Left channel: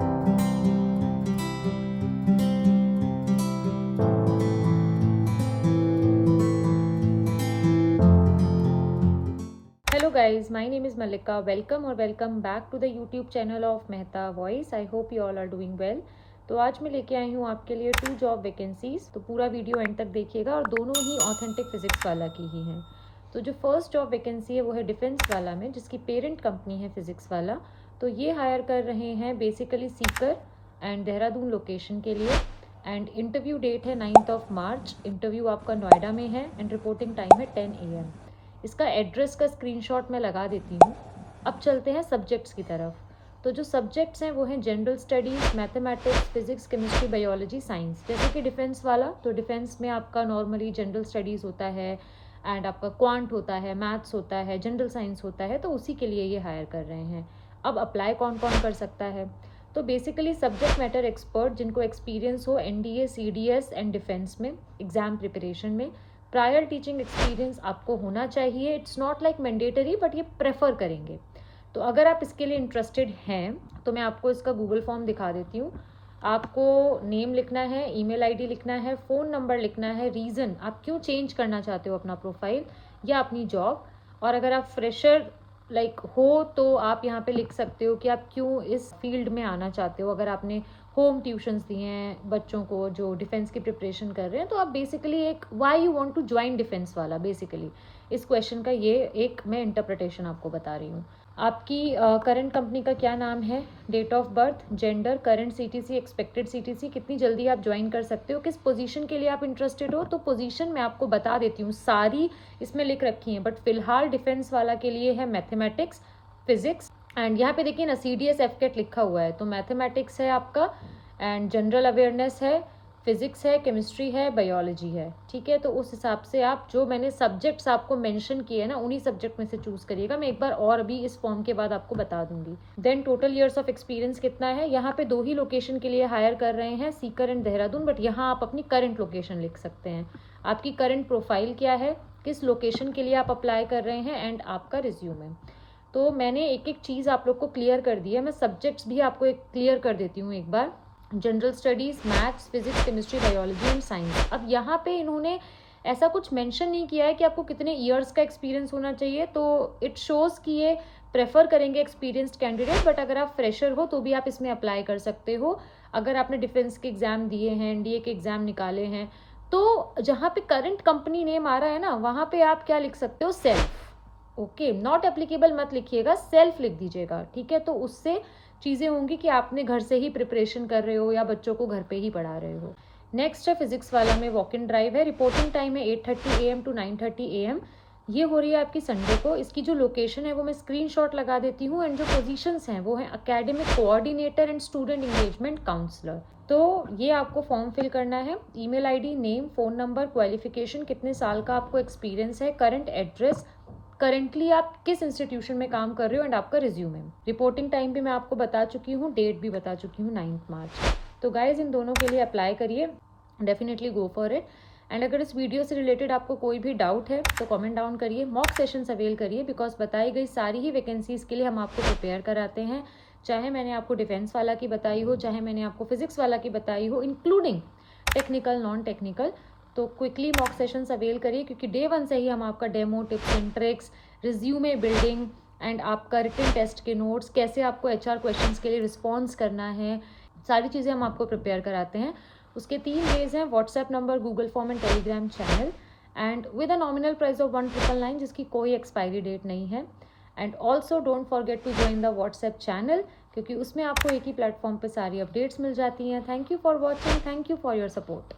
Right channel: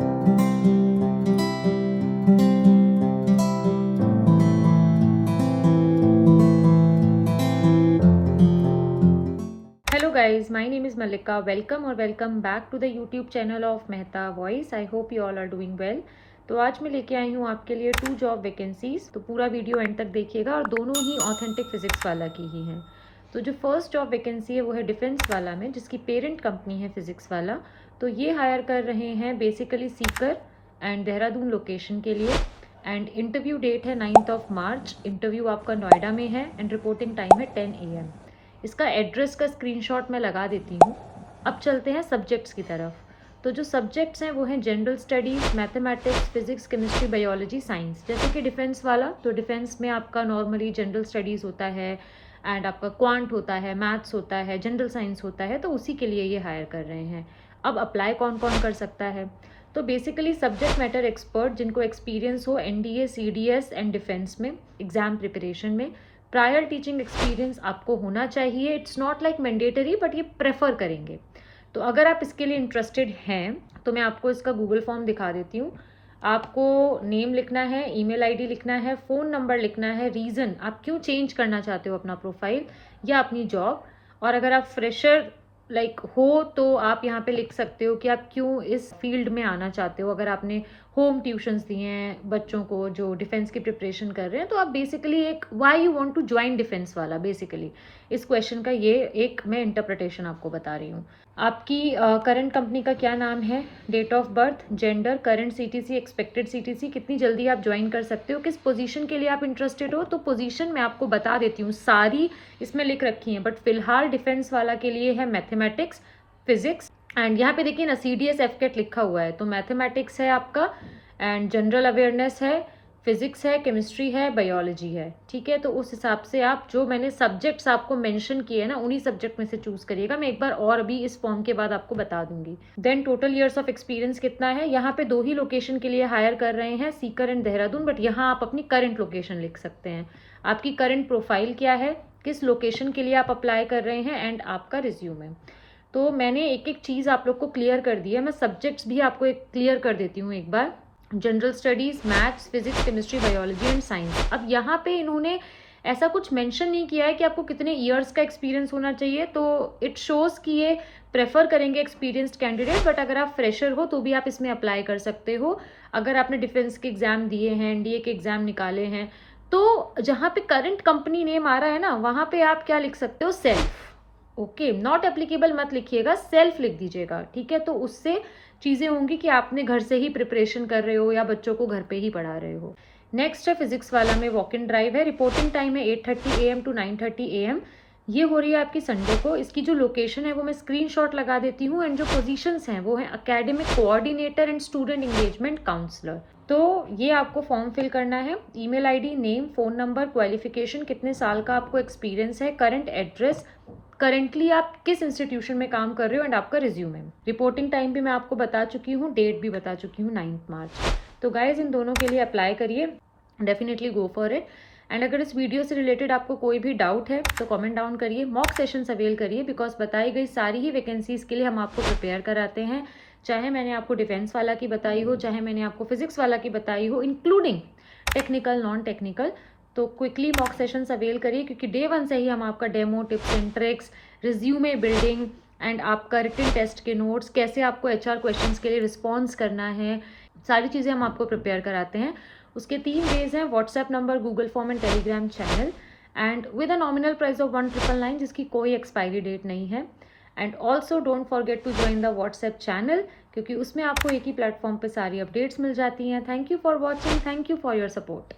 Hello guys, my name is Malika. Welcome or welcome back to the YouTube channel of Mehta Voice. I hope you all are doing well. तो आज मैं लेके आई हूँ आपके लिए 2 job vacancies. तो पूरा वीडियो एंड तक देखिएगा और दोनों ही ऑथेंटिक फिजिक्स वाला की ही हैं। तो जो फर्स्ट जॉब वैकेंसी है वो है डिफेंस वाला में, जिसकी पेरेंट कंपनी है फिजिक्स वाला। तो ये हायर कर रहे हैं basically seeker and Dehradun location के लिए। एंड इंटरव्यू डेट है 9 मार्च। इंटरव्यू आपका नोएडा में है एंड रिपोर्टिंग टाइम है 10 AM। इसका एड्रेस का स्क्रीनशॉट मैं लगा देती हूँ। अब चलते हैं सब्जेक्ट्स की तरफ। तो जो सब्जेक्ट्स हैं वो हैं general studies, mathematics, physics, chemistry, biology, science. जैसे कि डिफेंस वाला, तो डिफेंस में आपका नॉर्मली जनरल स्टडीज़ होता है एंड आपका क्वांट होता है, मैथ्स होता है, जनरल साइंस होता है। तो उसी के लिए ये हायर कर रहे हैं। अब अप्लाई कौन कौन कर सकता है? तो बेसिकली सब्जेक्ट मैटर एक्सपर्ट जिनको एक्सपीरियंस हो NDA, CDS एंड डिफेंस में एग्ज़ाम प्रिपरेशन में। प्रायर टीचिंग एक्सपीरियंस आपको होना चाहिए। It's not like mandatory, but ये प्रेफर करेंगे। तो अगर आप इसके लिए इंटरेस्टेड हैं तो मैं आपको इसका गूगल फॉर्म दिखा देती हूँ। आपको नेम लिखना है, ईमेल आईडी लिखना है, फ़ोन नंबर लिखना है, रीज़न आप क्यों चेंज करना चाहते हो अपना प्रोफाइल या अपनी जॉब। और अगर आप फ्रेशर हो तो आप यहाँ पे लिख सकते हो कि आप क्यों इस फील्ड में आना चाहते हो। अगर आपने होम ट्यूशन्स दिए हैं बच्चों को जो डिफेंस की प्रिपरेशन कर रहे हैं, तो आप बेसिकली एक why you want to join defence वाला, बेसिकली इस क्वेश्चन का ये एक मैं इंटरप्रिटेशन आपको बता रही हूँ। आपकी करंट कंपनी का क्या नाम है, date of birth, gender, current CTC, expected CTC, कितनी जल्दी आप ज्वाइन कर सकते हो, किस पोजीशन के लिए आप इंटरेस्टेड हो। तो पोजीशन मैं आपको बता देती हूँ, सारी इसमें लिख रखी हैं, बट फिलहाल डिफेंस वाला के लिए है मैथमेटिक्स, फिजिक्स एंड यहाँ पे देखिए ना CDS FCAT लिखा हुआ है। तो मैथमेटिक्स है आपका एंड जनरल अवेयरनेस है, फिजिक्स है, केमिस्ट्री है, बायोलॉजी है। ठीक है, तो उस हिसाब से आप जो मैंने सब्जेक्ट्स आपको मेंशन किए हैं ना, उन्हीं सब्जेक्ट में से चूज करिएगा। मैं एक बार और अभी इस फॉर्म के बाद आपको बता दूंगी। Then total years of experience कितना है। यहाँ पे 2 ही लोकेशन के लिए हायर कर रहे हैं, सीकर एंड देहरादून, बट यहाँ आप अपनी करंट लोकेशन लिख सकते हैं। आपकी करंट प्रोफाइल क्या है, किस लोकेशन के लिए आप अप्लाई कर रहे हैं एंड आपका रिज्यूमे। तो मैंने एक एक चीज़ आप लोग को क्लियर कर दी है। मैं सब्जेक्ट्स भी आपको एक क्लियर कर देती हूँ एक बार। General studies, maths, physics, chemistry, biology and science. अब यहाँ पे इन्होंने ऐसा कुछ मेंशन नहीं किया है कि आपको कितने ईयर्स का एक्सपीरियंस होना चाहिए। तो इट शोज़ कि ये प्रेफर करेंगे एक्सपीरियंस्ड कैंडिडेट, बट अगर आप फ्रेशर हो तो भी आप इसमें अप्लाई कर सकते हो। अगर आपने डिफेंस के एग्ज़ाम दिए हैं, NDA के एग्ज़ाम निकाले हैं, तो जहाँ पे करंट कंपनी नेम आ रहा है ना, वहाँ पे आप क्या लिख सकते हो, सेल्फ। ओके, नॉट एप्लीकेबल मत लिखिएगा, सेल्फ लिख दीजिएगा। ठीक है, तो उससे चीज़ें होंगी कि आपने घर से ही प्रिपरेशन कर रहे हो या बच्चों को घर पे ही पढ़ा रहे हो। नेक्स्ट है फिजिक्स वाला में वॉक इन ड्राइव है। रिपोर्टिंग टाइम है 8:30 AM to 9:30 AM। ये हो रही है आपकी संडे को। इसकी जो लोकेशन है वो मैं स्क्रीनशॉट लगा देती हूँ एंड जो पोजीशंस हैं वो है academic coordinator and student engagement counsellor. तो ये आपको फॉर्म फिल करना है। Email ID, name, phone number, qualification, कितने साल का आपको एक्सपीरियंस है, करंट एड्रेस, करंटली आप किस इंस्टीट्यूशन में काम कर रहे हो एंड आपका रिज्यूमे। रिपोर्टिंग टाइम भी मैं आपको बता चुकी हूँ, डेट भी बता चुकी हूँ 9 मार्च। तो गाइज इन दोनों के लिए अप्लाई करिए, definitely go for it. And अगर इस वीडियो से रिलेटेड आपको कोई भी डाउट है तो कमेंट डाउन करिए, मॉक सेशंस अवेल करिए, बिकॉज बताई गई सारी ही वैकेंसीज़ के लिए हम आपको प्रिपेयर कराते हैं। चाहे मैंने आपको डिफेंस वाला की बताई हो, चाहे मैंने आपको फिजिक्स वाला की बताई हो, इंक्लूडिंग टेक्निकल, नॉन टेक्निकल। तो क्विकली मॉक सेशंस अवेल करिए, क्योंकि डे 1 से ही हम आपका demo, tips and tricks, resume building and आपका रिटन टेस्ट के नोट्स, कैसे आपको HR क्वेश्चंस के लिए रिस्पॉन्स करना है, सारी चीज़ें हम आपको प्रिपेयर कराते हैं। उसके 3 वेज हैं, WhatsApp number, Google form and Telegram channel, and with a nominal price of 1999 जिसकी कोई एक्सपायरी डेट नहीं है। And also don't forget to join the WhatsApp channel, क्योंकि उसमें आपको एक ही प्लेटफॉर्म पे सारी अपडेट्स मिल जाती हैं। Thank you for watching, thank you for your support.